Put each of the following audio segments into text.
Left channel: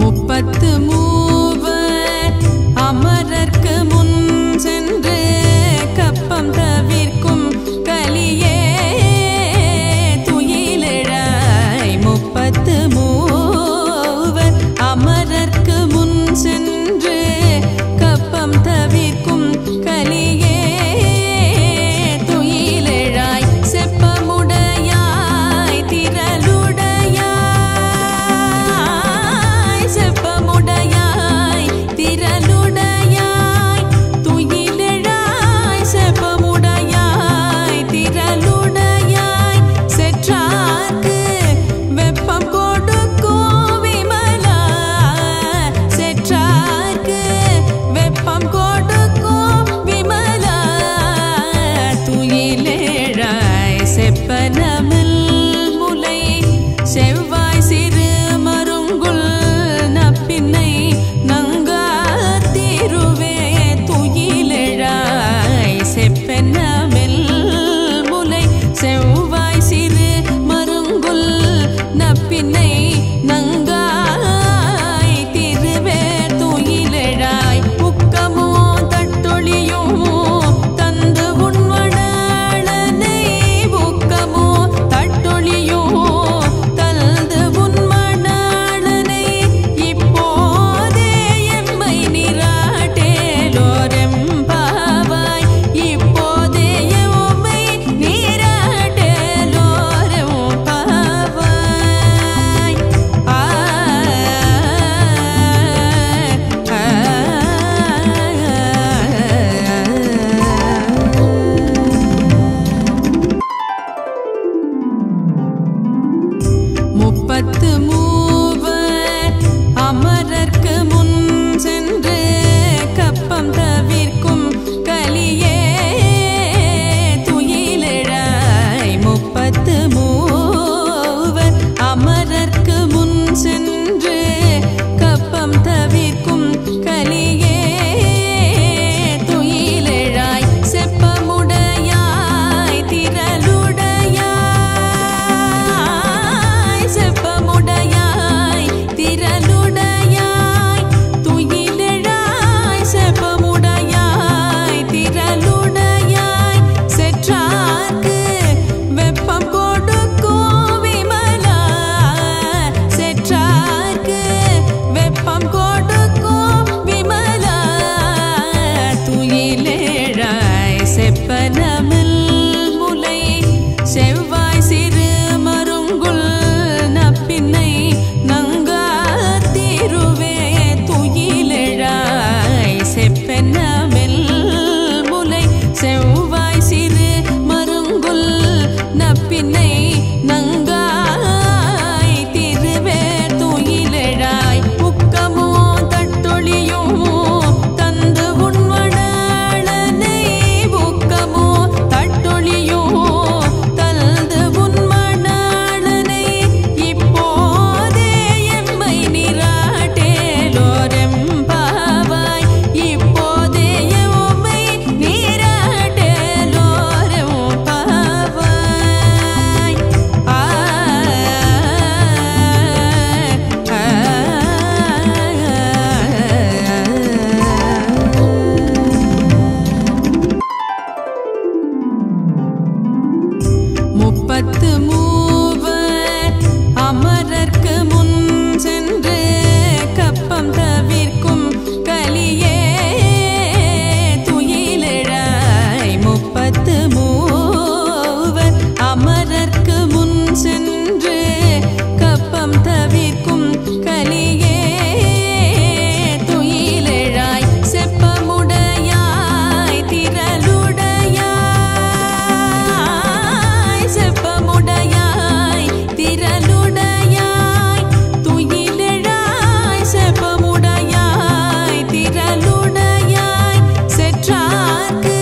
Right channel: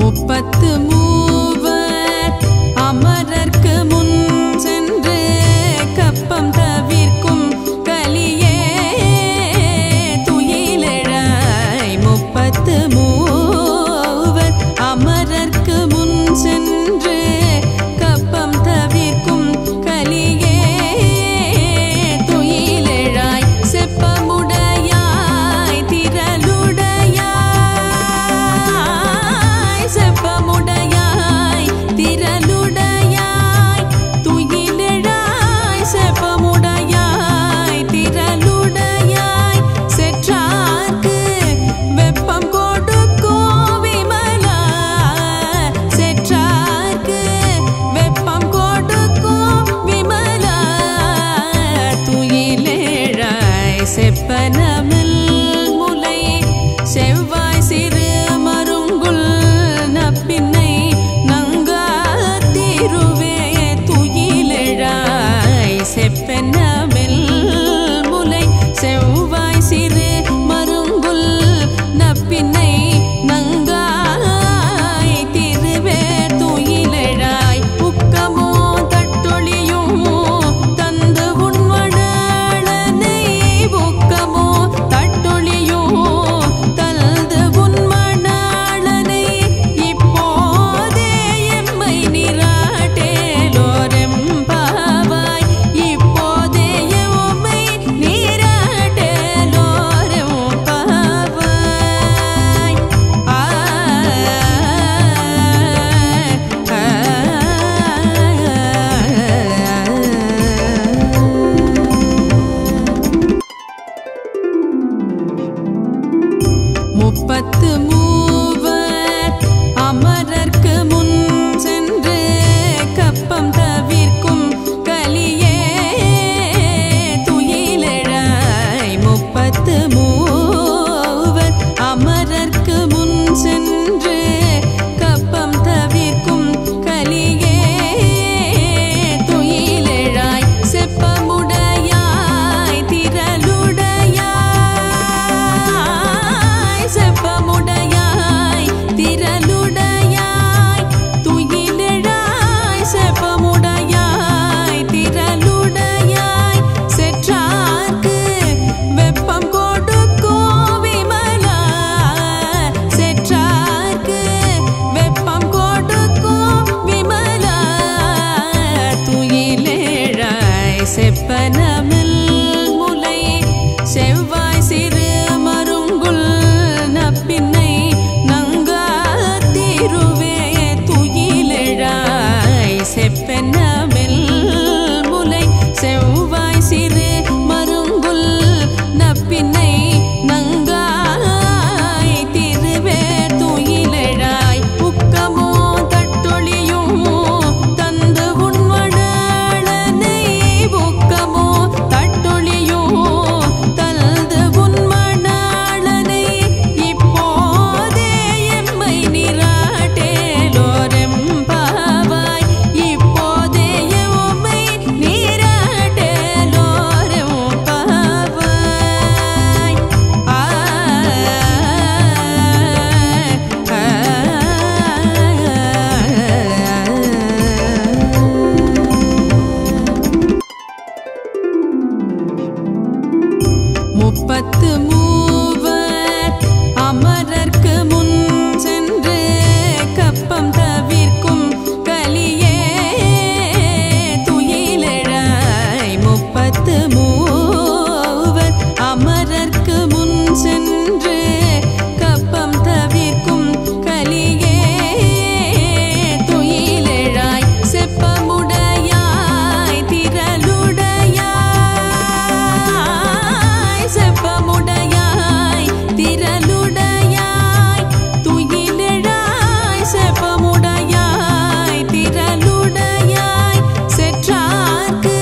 முப்பத்து மூவர் அமரர்க்கு முன் சென்று கப்பம் தவிர்க்கும் கலியே துயிலெழாய். முப்பத்து மூவர் அமரர்க்கு முன் சென்று கப்பம் தவிர்க்கும் கலியே துயிலெழாய். செப்பமுடையாய் திரளுடையாய், செப்பமுடையாய் திரளுடையாய் துயிலெழாய். செப்பமுடையாய் திரளுடையாய் செற்றார்க்கு வெப்பம் கொடுக்கும் விமலா. செற்றார்க்கு வெப்பம் கொடுக்கும் விமலா துயிலெழாய். செப்பனமில் முலை செவ்வாய் சிறு மருங்குல் நப்பின்னை நங்காத்திருவே துயிலெழாய். செப்பனமில் முலை செவ்வாய் சிறு மருங்குல் நப்பின்னை நங்காய் திருவே துயிலெழாய். உக்கமோ தட்டொழியும் தந்து உண்மணாளனை, உக்கமோ தட்டொழியும் தந்து உண்மணாளனை இப்போதே எம்மை நீராட்டேலோரெம்பாவாய். இப்போதே எம்மை நீராட்டேலோரெம்பாவாய். முப்பத்து மூவர் அமரர்க்கு முன் சென்று கப்பம் தவிர்க்கும் கலியே துயிலெழாய். முப்பத்து மூவர் அமரர்க்கு முன் சென்று கப்பம் தவிர்க்கும் கலியே துயிலெழாய். செப்பமுடையாய் திரளுடையாய், செப்பமுடையாய் திரளுடையாய் துயிலெழாய். செப்பமுடையாய் திரளுடையாய் செற்றார்க்கு வெப்பம் கொடுக்கும் விமலா. செற்றார்க்கு வெப்பம் கொடுக்கும் விமலா துயிலெழாய். செப்பனமில் முலை செவ்வாய் சிறு மருங்குல் நப்பின்னை நங்காத்திருவே துயிலெழாய். செப்பனமில் முலை செவ்வாய் சிறு மருங்குல் நப்பின்னை நங்காய் திருவே துயிலெழாய். உக்கமோ தட்டொழியும் தந்து உண்மணாளனை, உக்கமோ தட்டொழியும் தந்து உண்மணாளனை இப்போதே எம்மை நீராட்டேலோரெம்பாவாய். இப்போதே எம்மை நீராட்டேலோரெம்பாவாய். முப்பத்து மூவர் அமரர்க்கு முன் சென்று கப்பம் தவிர்க்கும் கலியே துயிலெழாய். முப்பத்து மூவர் அமரர்க்கு முன் சென்று கப்பம் தவிர்க்கும் கலியே துயிலெழாய். செப்பமுடையாய் திரளுடையாய், செப்பமுடையாய் திரளுடையாய் துயிலெழாய். செப்பமுடையாய் திரளுடையாய் செற்றார்க்கு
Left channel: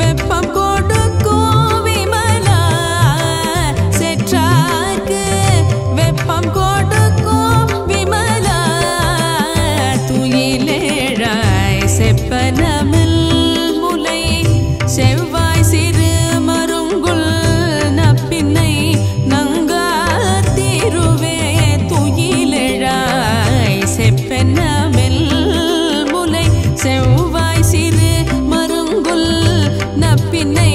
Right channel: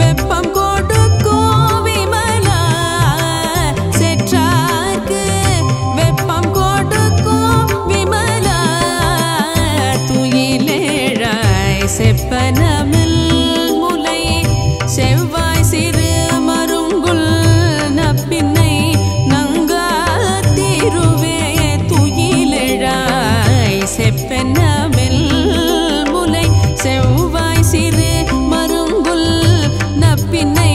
வெப்பம் கொடுக்கும் விமலா. செற்றார்க்கு வெப்பம் கொடுக்கும் விமலா துயிலெழாய். செப்பனமில் முலை செவ்வாய் சிறு மருங்குல் நப்பின்னை நங்காத்திருவே துயிலெழாய். செப்பெனமெல் முலை செவ்வாய் சிறு மருங்குல் நப்பின்னை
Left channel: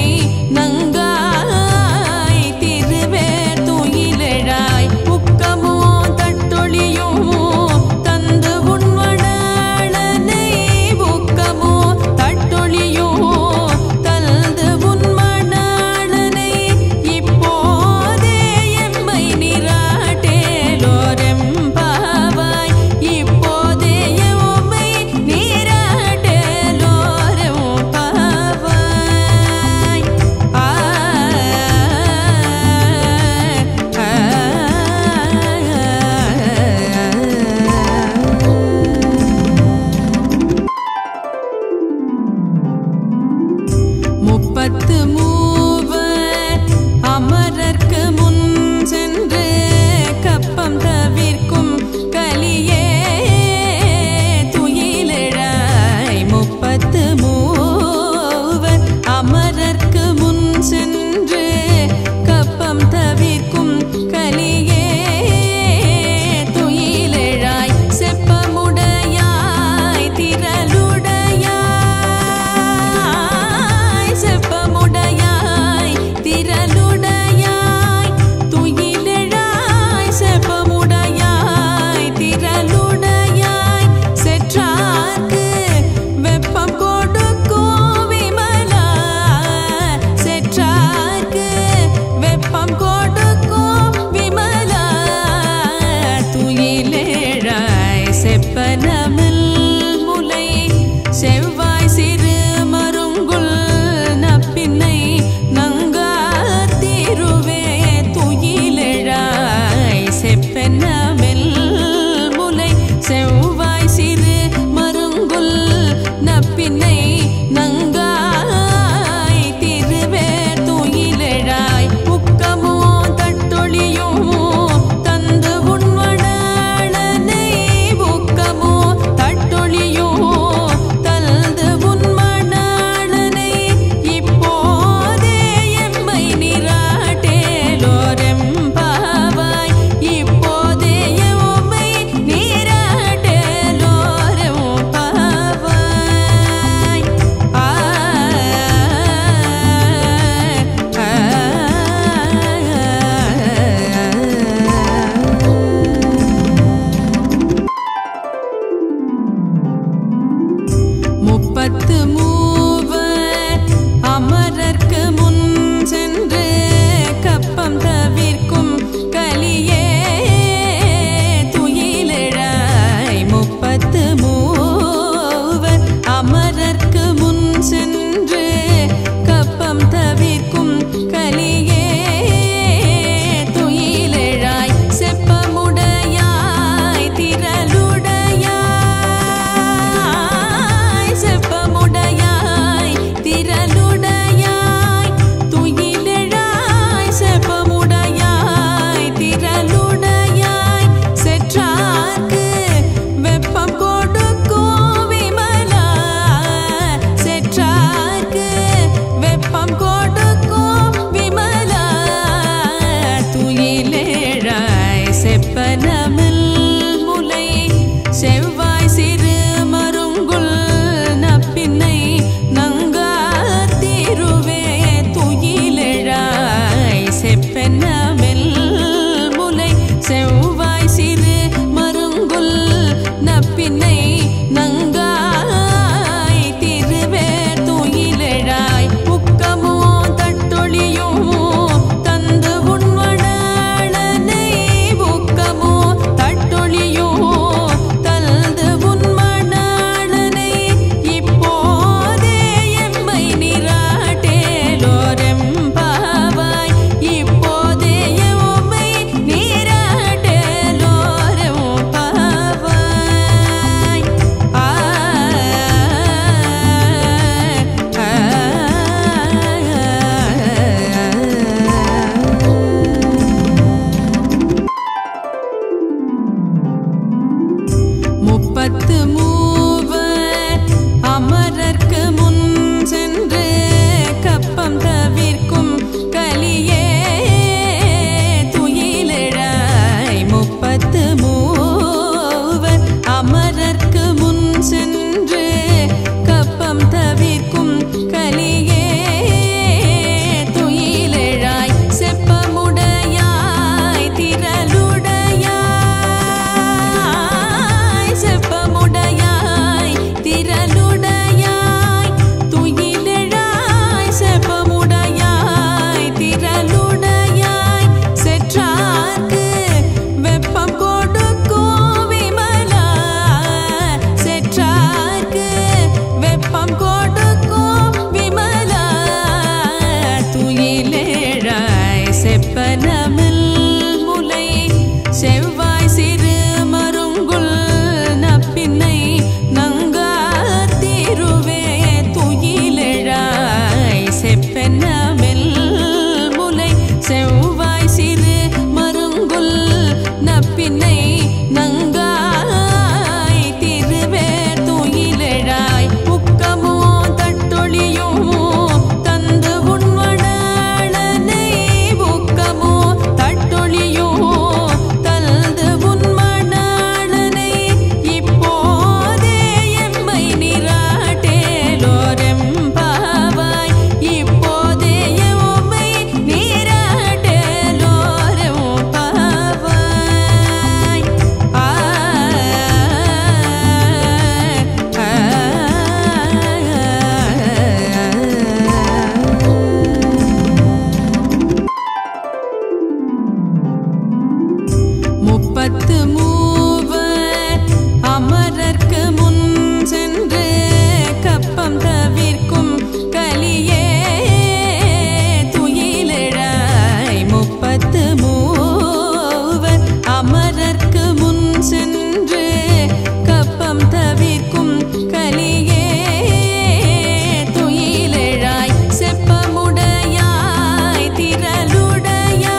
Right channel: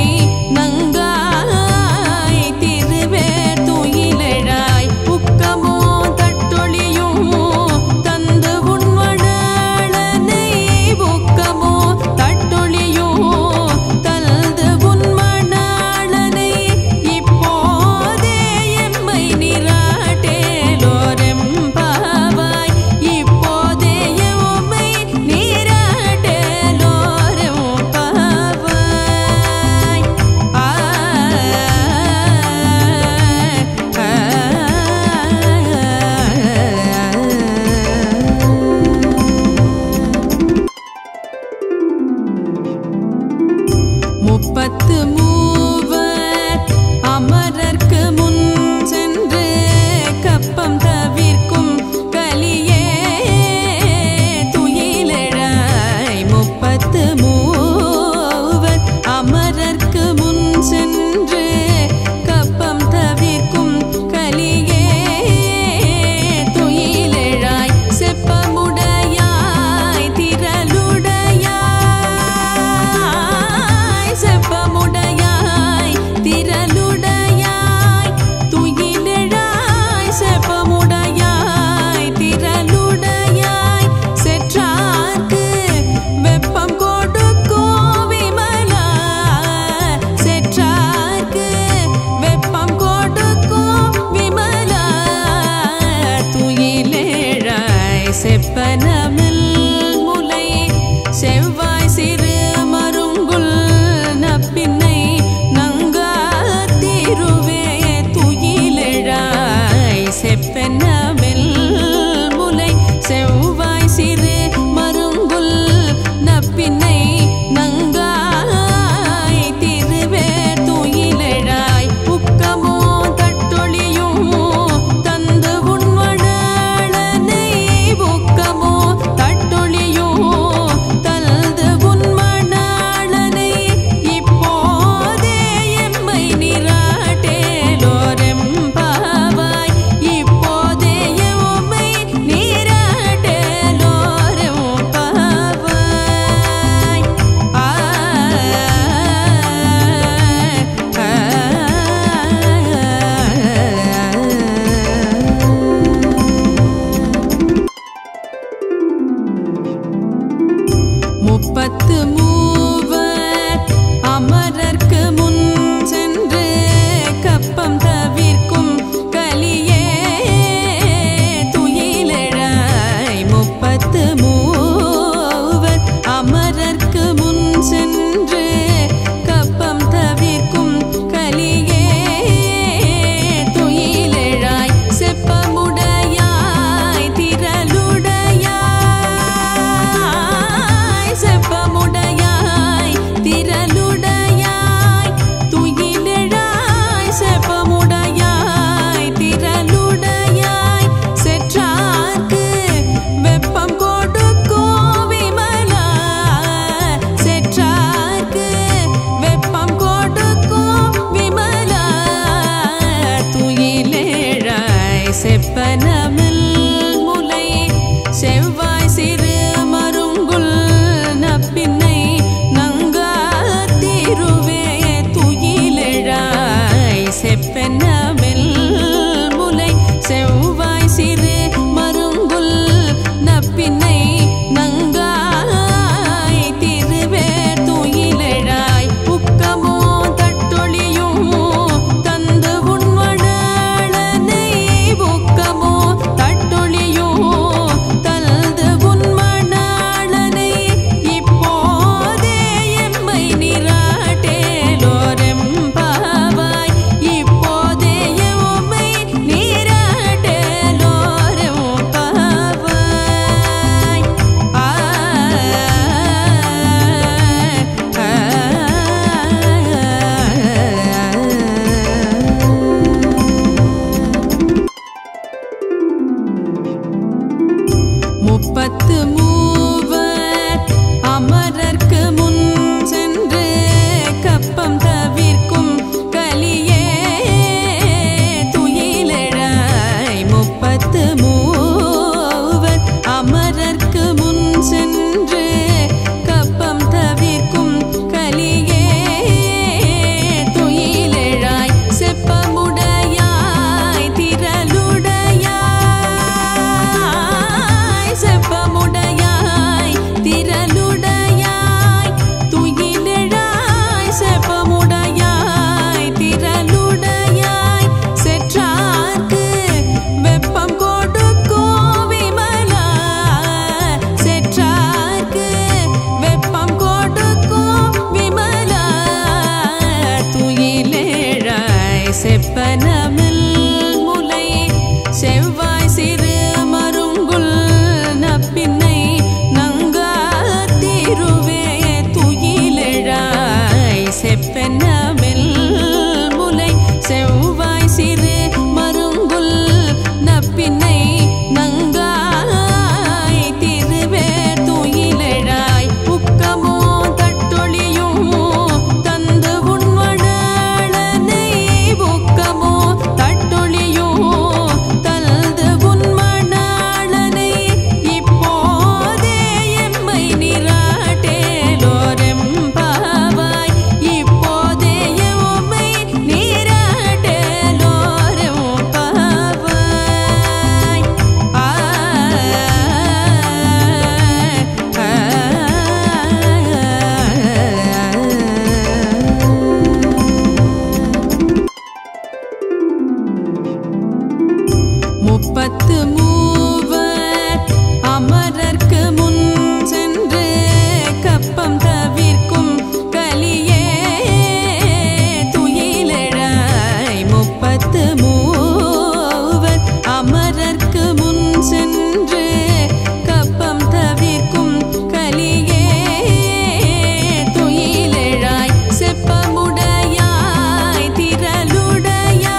நங்காய் திருவே துயிலெழாய் உக்கமோ தட்டொழியோ தந்து உண்மணாளனை உக்கமோ தட்டொழியோ தந்து உண்மணாளனை இப்போதே எம்மை நீராட்டேலோரெம்பாவாய் இப்போதே எம்மை நீராட்டேலோரெம்பாவாய் முப்பத்து மூவர் அமரர்க்கு முன் சென்று கப்பம் தவிர்க்கும் கலியே துயிலெழாய் முப்பத்து மூவர் அமரர்க்கு முன் சென்று கப்பம் தவிர்க்கும் கலியே துயிலெழாய் செப்பமுடையாய் திரளுடையாய் செப்பமுடையாய் திரளுடையாய் துயிலெழாய் செப்பமுடையாய் திரளுடையாய் செற்றார்க்கு வெப்பம் கொடுக்கும் விமலா செற்றார்க்கு வெப்பம் கொடுக்கும் விமலா துயிலெழாய் செப்பனமில் முலை செவ்வாய் சிறு மருங்குல் நப்பின்னை நங்காத்திருவே துயிலெழாய் செப்பெனமெல் முலை செவ்வாய் சிறு மருங்குல் நப்பின்னை நங்காய் திருவே துயிலெழாய் உக்கமோ தட்டொழியோ தந்து உண்மணாளனை உக்கமோ தட்டொழியோ தந்து உண்மணாளனை இப்போதே எம்மை நீராட்டேலோரெம்பாவாய் இப்போதே எம்மை நீராட்டேலோரெம்பாவாய் முப்பத்து மூவர் அமரர்க்கு முன் சென்று கப்பம் தவிர்க்கும் கலியே துயிலெழாய் முப்பத்து மூவர் அமரர்க்கு முன் சென்று கப்பம் தவிர்க்கும் கலியே துயிலெழாய் செப்பமுடையாய் திரளுடையாய் செப்பமுடையாய் திரளுடையாய் துயிலெழாய் செப்பமுடையாய் திரளுடையாய் செற்றார்க்கு வெப்பம் கொடுக்கும் விமலா செற்றார்க்கு வெப்பம் கொடுக்கும் விமலா துயிலெழாய் செப்பனமில் முலை செவ்வாய் சிறு மருங்குல் நப்பின்னை நங்காத்திருவே துயிலெழாய் செப்பெனமெல் முலை செவ்வாய் சிறு மருங்குல் நப்பின்னை நங்காய் திருவே துயிலெழாய் உக்கமோ தட்டொழியோ தந்து உண்மணாளனை உக்கமோ தட்டொழியோ தந்து உண்மணாளனை இப்போதே எம்மை நீராட்டேலோரெம்பாவாய் இப்போதே எம்மை நீராட்டேலோரெம்பாவாய் முப்பத்து மூவர் அமரர்க்கு முன் சென்று கப்பம் தவிர்க்கும் கலியே துயிலெழாய் முப்பத்து மூவர் அமர செப்பெனமெல் முலை செவ்வாய் சிறு மருங்குல் நப்பின்னை நங்காய் திருவே துயிலெழாய் உக்கமோ தட்டொழியோ தந்து உண்மணாளனை உக்கமோ தட்டொழியோ தந்து உண்மணாளனை இப்போதே எம்மை நீராட்டேலோரெம்பாவாய் இப்போதே எம்மை நீராட்டேலோரெம்பாவாய் முப்பத்து மூவர் அமரர்க்கு முன் சென்று கப்பம் தவிர்க்கும் கலியே துயிலெழாய் முப்பத்து மூவர் அமரர்க்கு முன் சென்று கப்பம் தவிர்க்கும் கலியே துயிலெழாய் செப்பமுடையாய் திரளுடையாய்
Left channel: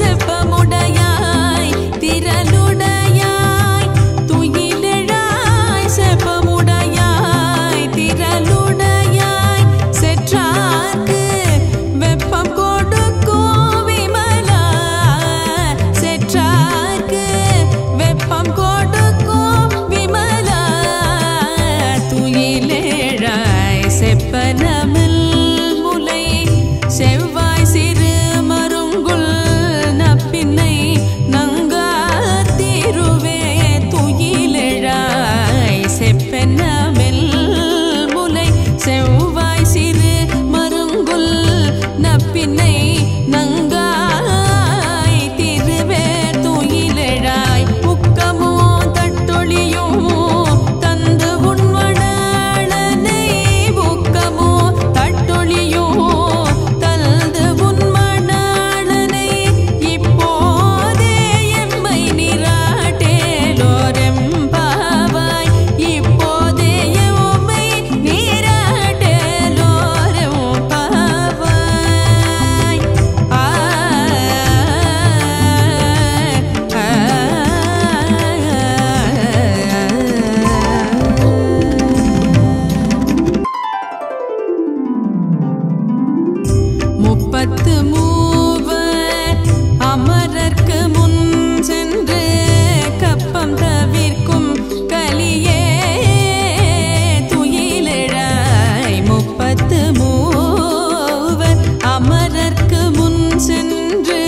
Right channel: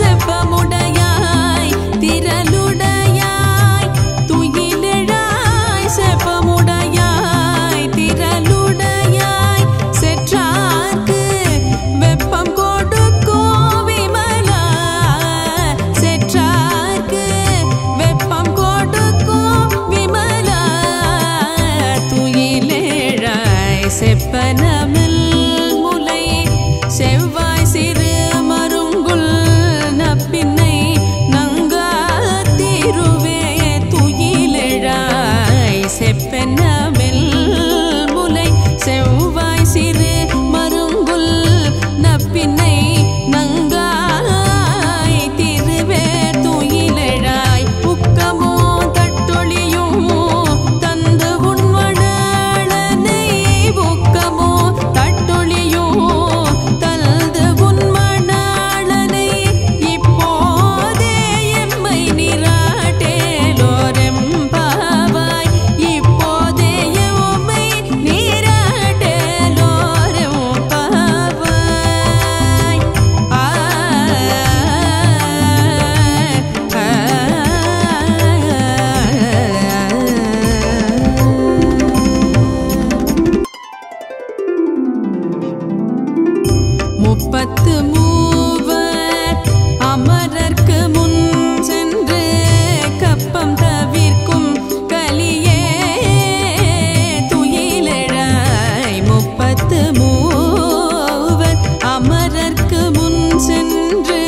செப்பமுடையாய் திரளுடையாய் துயிலெழாய் செப்பமுடையாய் திரளுடையாய் செற்றார்க்கு வெப்பம் கொடுக்கும் விமலா செற்றார்க்கு வெப்பம் கொடுக்கும் விமலா துயிலெழாய் செப்பனமில் முலை செவ்வாய் சிறு மருங்குல் நப்பின்னை நங்காத்திருவே துயிலெழாய் செப்பெனமெல் முலை செவ்வாய் சிறு மருங்குல் நப்பின்னை நங்காய் திருவே துயிலெழாய் உக்கமோ தட்டொழியோ தந்து உண்மணாளனை உக்கமோ தட்டொழியோ தந்து உண்மணாளனை இப்போதே எம்மை நீராட்டேலோரெம்பாவாய் இப்போதே எம்மை நீராட்டேலோரெம்பாவாய் முப்பத்து மூவர் அமரர்க்கு முன் சென்று கப்பம் தவிர்க்கும் கலியே துயிலெழாய் முப்பத்து மூவர் அமரர்க்கு முன் சென்று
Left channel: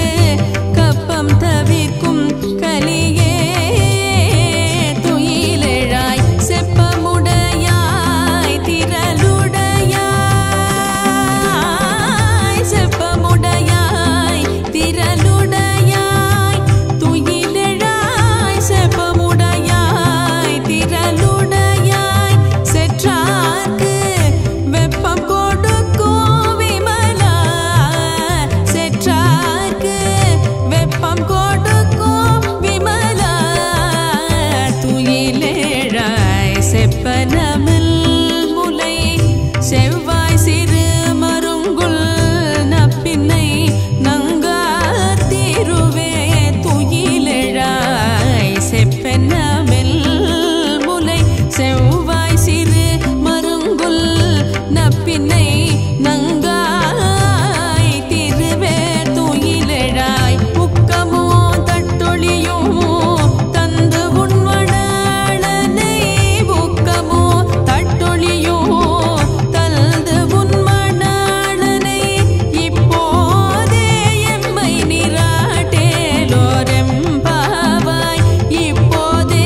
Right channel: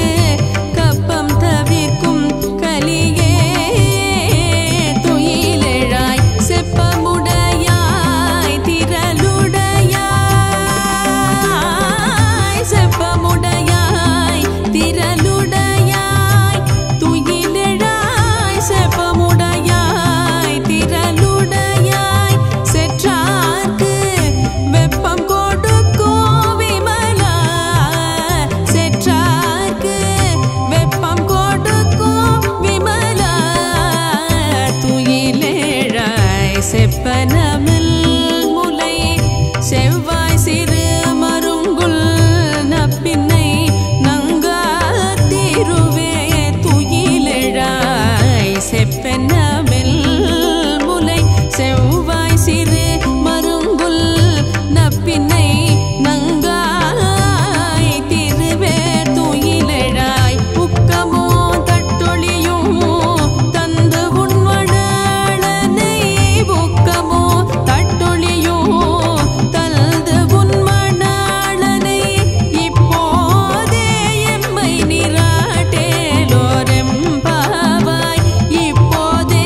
கப்பம் தவிர்க்கும் கலியே துயிலெழாய் செப்பமுடையாய் திரளுடையாய் செப்பமுடையாய் திரளுடையாய் துயிலெழாய் செப்பமுடையாய் திரளுடையாய் செற்றார்க்கு வெப்பம் கொடுக்கும் விமலா செற்றார்க்கு வெப்பம் கொடுக்கும் விமலா துயிலெழாய் செப்பனமில் முலை செவ்வாய் சிறு மருங்குல் நப்பின்னை நங்காத்திருவே துயிலெழாய் செப்பெனமெல் முலை செவ்வாய் சிறு மருங்குல் நப்பின்னை நங்காய் திருவே துயிலெழாய் உக்கமோ தட்டொழியோ தந்து உண்மணாளனை உக்கமோ தட்டொழியோ தந்து உண்மணாளனை இப்போதே எம்மை நீராட்டேலோரெம்பாவாய் இப்போதே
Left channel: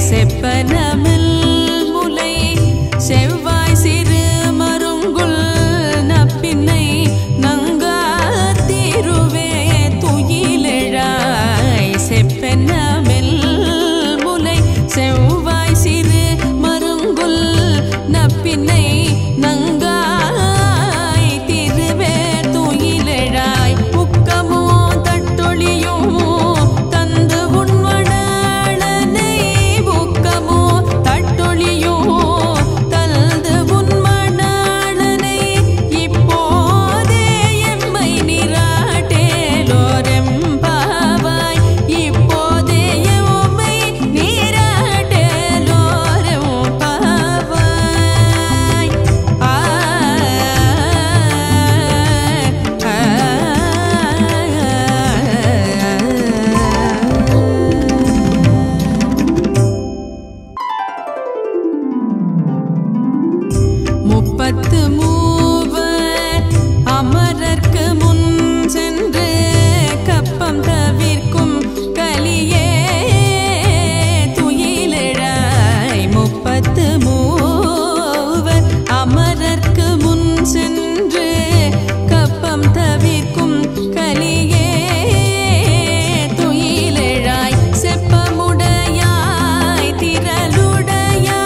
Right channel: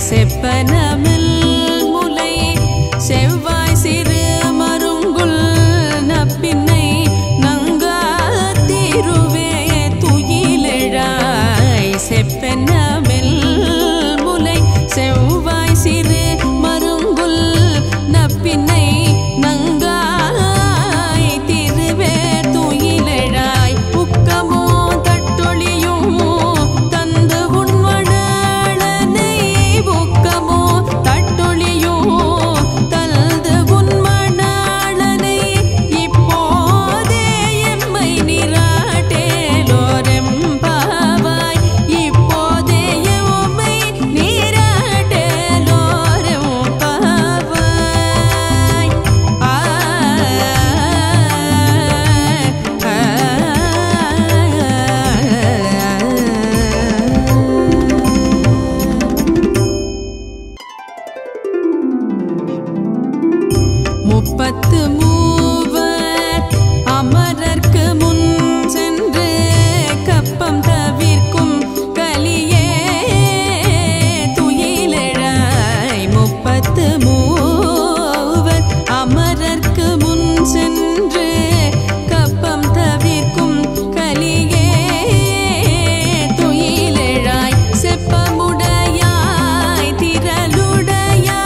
செப்பனமில் முலை செவ்வாய் சிறு மருங்குல் நப்பின்னை நங்காத்திருவே துயிலெழாய் செப்பனமில் முலை செவ்வாய் சிறு மருங்குல் நப்பின்னை நங்காய் திருவே துயிலெழாய் உக்கமோ தட்டொழியும் தந்து உண்மணாளனை உக்கமோ தட்டொழியும் தந்து உண்மணாளனை இப்போதே எம்மை நீராட்டேலோரெம்பாவாய் இப்போதே எம்மை நீராட்டேலோரெம்பாவாய் முப்பத்து மூவர் அமரர்க்கு முன் சென்று கப்பம் தவிர்க்கும் கலியே துயிலெழாய் முப்பத்து மூவர் அமரர்க்கு முன் சென்று கப்பம் தவிர்க்கும் கலியே துயிலெழாய் செப்பமுடையாய் திரளுடையாய்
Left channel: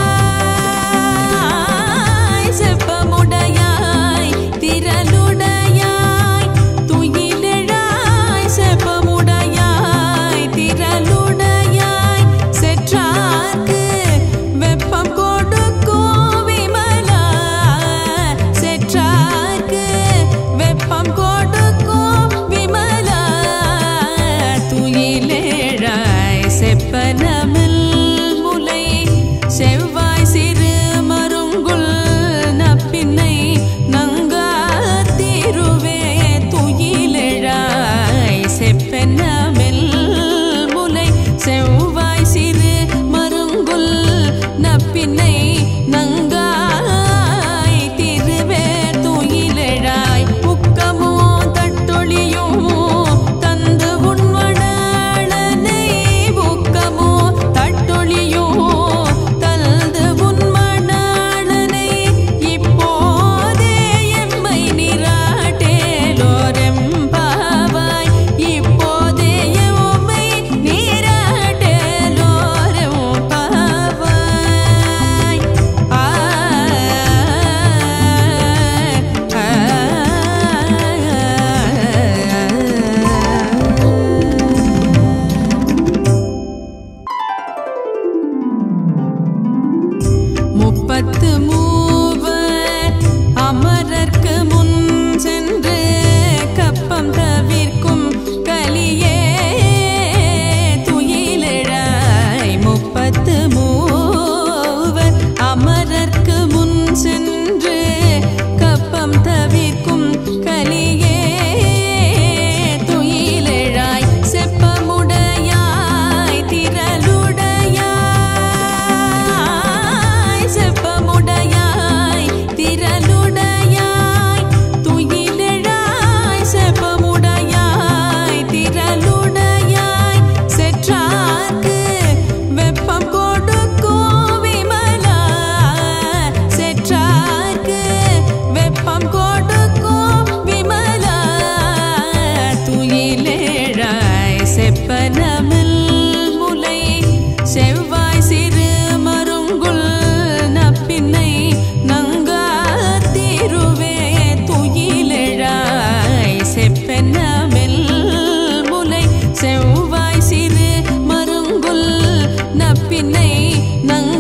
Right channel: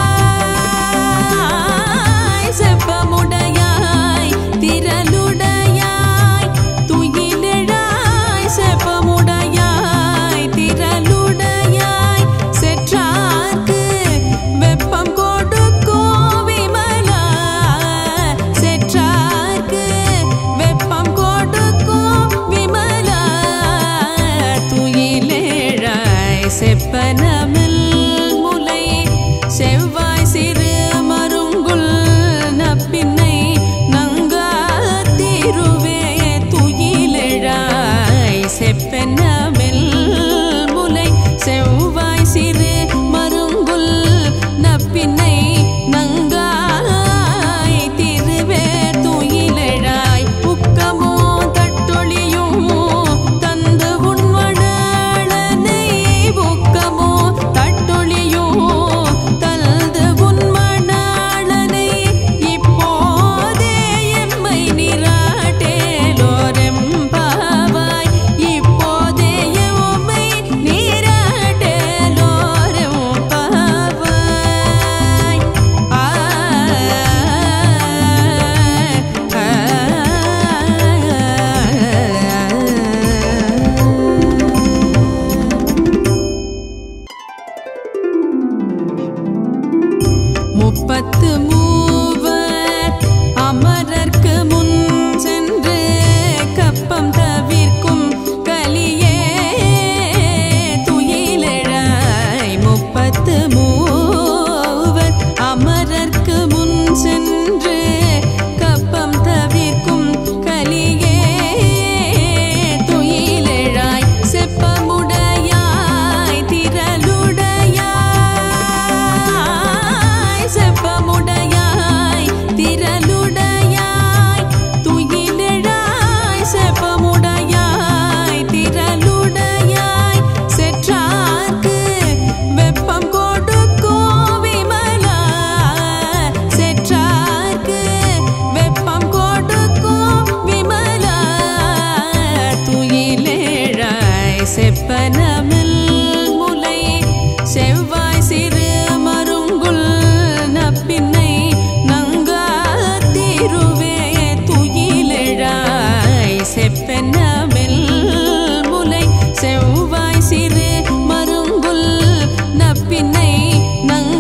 செப்பமுடையாய் திரளுடையாய் துயிலெழாய் செப்பமுடையாய் திரளுடையாய் செற்றார்க்கு வெப்பம் கொடுக்கும் விமலா செற்றார்க்கு வெப்பம் கொடுக்கும் விமலா துயிலெழாய் செப்பனமில் முலை செவ்வாய் சிறு மருங்குல் நப்பின்னை நங்காத்திருவே துயிலெழாய் செப்பனமில் முலை செவ்வாய் சிறு மருங்குல் நப்பின்னை நங்காய் திருவே துயிலெழாய் உக்கமோ தட்டொழியும் தந்து உண்மணாளனை உக்கமோ தட்டொழியும் தந்து உண்மணாளனை இப்போதே எம்மை நீராட்டேலோரெம்பாவாய் இப்போதே எம்மை நீராட்டேலோரெம்பாவாய் முப்பத்து மூவர் அமரர்க்கு முன் சென்று கப்பம் தவிர்க்கும் கலியே துயிலெழாய் முப்பத்து மூவர் அமரர்க்கு முன் சென்று கப்பம் தவிர்க்கும் கலியே துயிலெழாய் செப்பமுடையாய் திரளுடையாய் செப்பமுடையாய் திரளுடையாய் துயிலெழாய் செப்பமுடையாய் திரளுடையாய் செற்றார்க்கு வெப்பம் கொடுக்கும் விமலா செற்றார்க்கு வெப்பம் கொடுக்கும் விமலா துயிலெழாய் செப்பனமில் முலை செவ்வாய் சிறு மருங்குல் நப்பின்னை நங்காத்திருவே துயிலெழாய் செப்பனமில் முலை செவ்வாய் சிறு மருங்குல் நப்பின்னை நங்க